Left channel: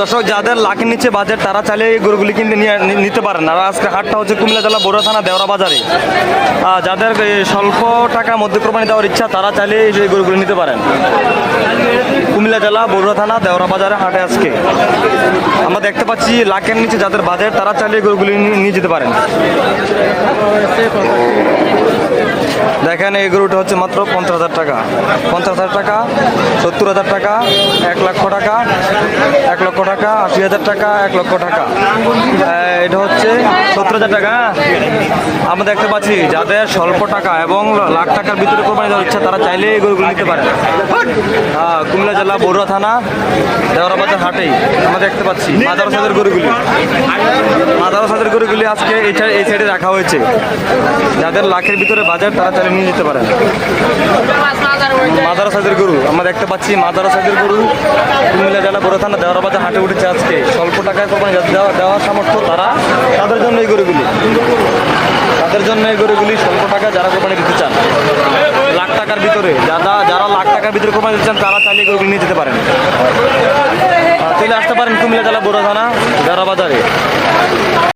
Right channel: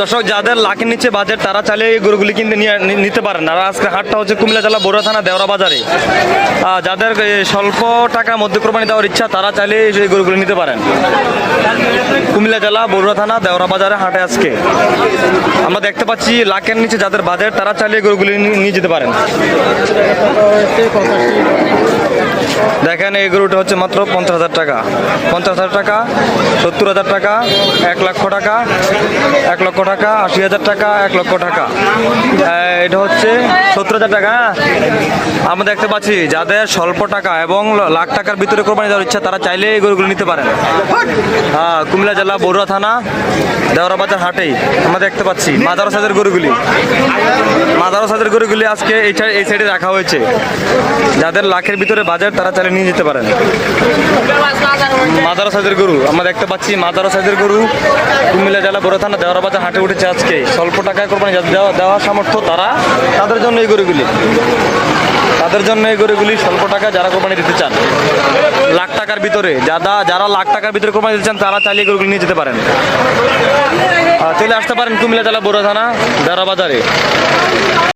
দর্শক, যাদের লাখের নিচে বাজেট তারা চাইলে এই গরুগুলি কিনতে নিতে পারেন। আর আজকে হাটটা হচ্ছে কুমিল্লা জেলা বড়ুয়া থানা দেওরা বাজারে। যাদের স্বল্প টাকার মধ্যে কোরবানি দেওয়ার ইচ্ছা তারা চাইলে এই গরুগুলি নিতে পারেন। কুমিল্লা জেলা বড়ুয়া থানা দেওরা বাজারে হাটে আজকে আমরা দেখতে পাচ্ছি লাখের নিচে যাদের বাজেট তারা চাইলে এই গরুগুলি নিয়ে যেতে পারেন। দেখেন এই গরুটা হচ্ছে মাত্র 50,000 টাকা, 50,000 টাকা, 70,000 টাকা, 1 লক্ষ টাকা, 1 লক্ষ টাকা, 80,000 টাকা, 1 লক্ষ টাকা। এটা হচ্ছে 70,000 টাকা। আমরা দেখতে পাচ্ছি যাদের স্বল্প টাকা এবং লাখ টাকার ভিতরে কোরবানি দেওয়ার ইচ্ছা তারা চাইলে এই গরুগুলো নিতে পারেন। কুমিল্লা জেলা বড়ুয়া থানা দেওরা বাজার হাটেই আমরা দেখতে পাচ্ছি মাদার সাইজের গরুগুলি। মাদার সাইজের গরুগুলি আজকে এই সাইডে রাখা হয়েছে। যাদের লাখের ভিতরে বাজার তারা চাইলে নিয়ে যেতে পারেন। মাদার সাইজের গরু আমরা দেখতে পাচ্ছি, মাদার সাইজের গরু কুমিল্লা জেলা বড়ুয়া থানা দেওরা বাজার হাটে উঠেছে আজকে। স্বল্প টাকায় কোরবানি দেওয়ার সামর্থ্য তাদের জন্য এই গরুগুলি, তাদের জন্য এই গরুগুলি স্বল্প টাকা যারা কোরবানি দিতে চান, লাখ টাকার ভিতরে যারা লাখ টাকার ভিতরে কোরবানি দিতে চান তারা চাইলে গরুগুলি নিয়ে যেতে পারেন। চলে আসতে পারেন কুমিল্লা জেলা বড়ুয়া থানা দেওরা বাজারে।